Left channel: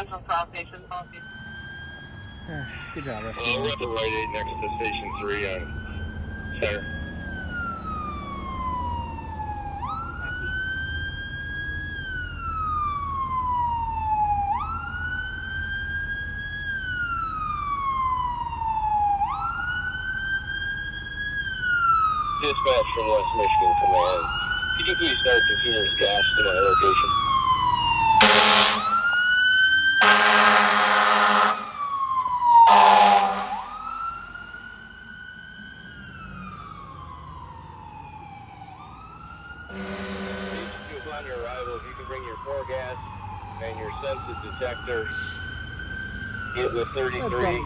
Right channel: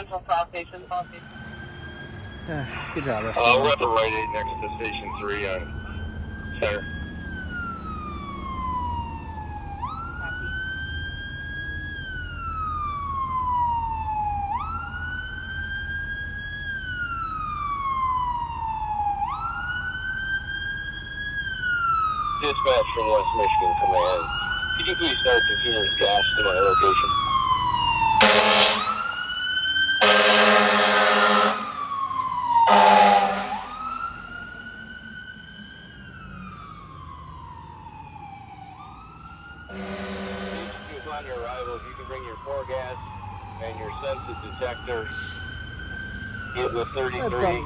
Central South Station. Good job, Rusty. We're at the right 8 next to Station 3 on Center. Dispatch from West Michigan Command. Could you please start consumers gas to my location? Upon your arrival, if you can bring your core gas and your sensor detector, get with 33.